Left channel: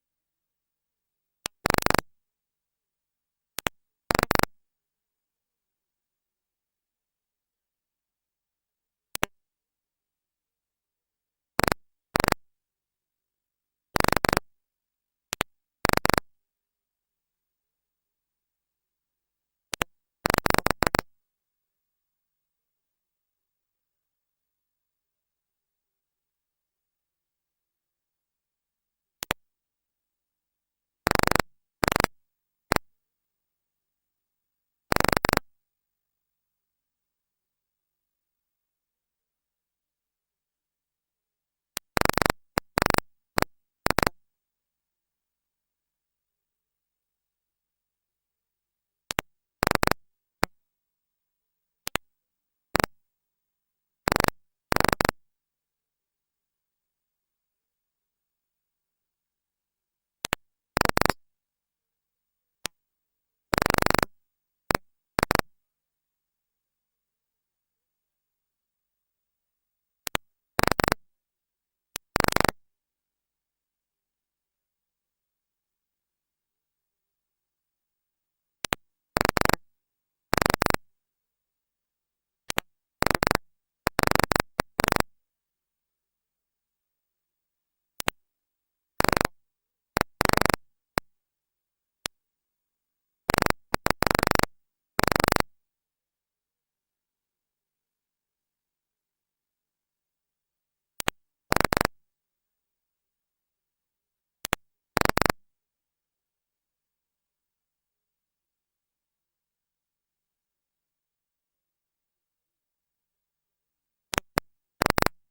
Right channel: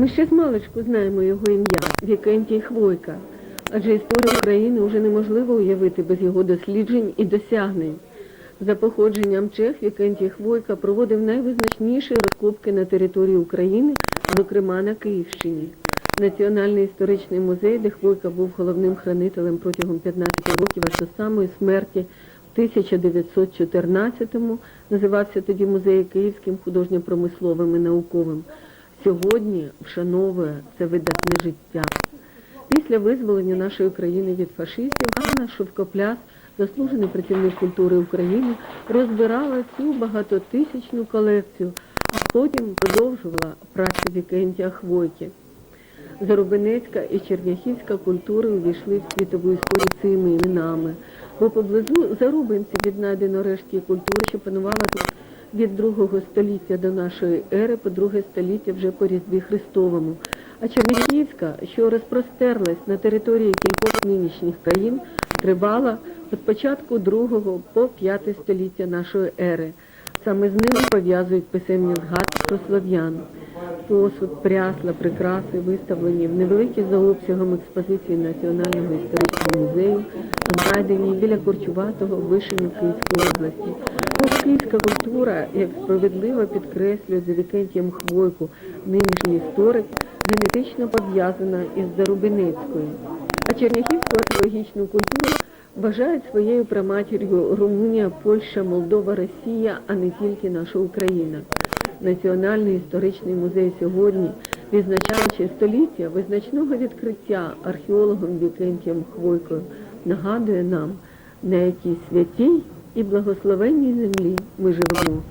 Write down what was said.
Ми ще з маличку знаємо його ім'я Вікентій Хвойка, адже історію України вже неможливо уявити без його досліджень і досягнень. За походженням чех Вікентій Хвойка проводив найвизначніші розкопки на території України, зокрема на Київщині. Національний історичний музей, де Хвойка був головним хранителем протягом 15 років аж до самої смерті в 1914-му, називався тоді музей Київським художньо-промисловим і науковим. Сьогодні вшановує це видатне життя. Після визволення нашої країни від фашистів Анна Шовкопляс, заслужений працівник культури України, розбирала цю багатотисячну колекцію, а потім продовжувала працю Вікентія Хвойки. Зарубинецька і черняхівська культури увійшли в світову історію цими іменами, бо поблизу Зарубинці віднайдено рештки культури, що панувала тут від другого століття до нашої ери по друге століття вже по Різдві Христовому. А Черняхівська, що розпростерлась на території кількох нинішніх країн, тривала від початку другого по п'яте століття нашої ери. Саме з ними пов'язують писемні згадки про слов'ян. Посуд, прясла, прикраси виставлені в невеликій за обсягом експозиції Національного історичного музею, знайдені біля Корчуватого Вишину Київської області. Київська культура, як справедливо підкреслює за Вікентієм Хвойку нинішній історик, генетично пов'язана із Зарубинецькою. А черняхівську археологічну культуру вважають своєю праматір'ю Румунія, Польща, Молдова, Росія, а не тільки наша Україна. Національний історичний музей сьогодні, відзначаючи століття визначного відкриття археологом Вікентієм Хвойкою, нагадує нам, на якій святій і благословенній землі ми живемо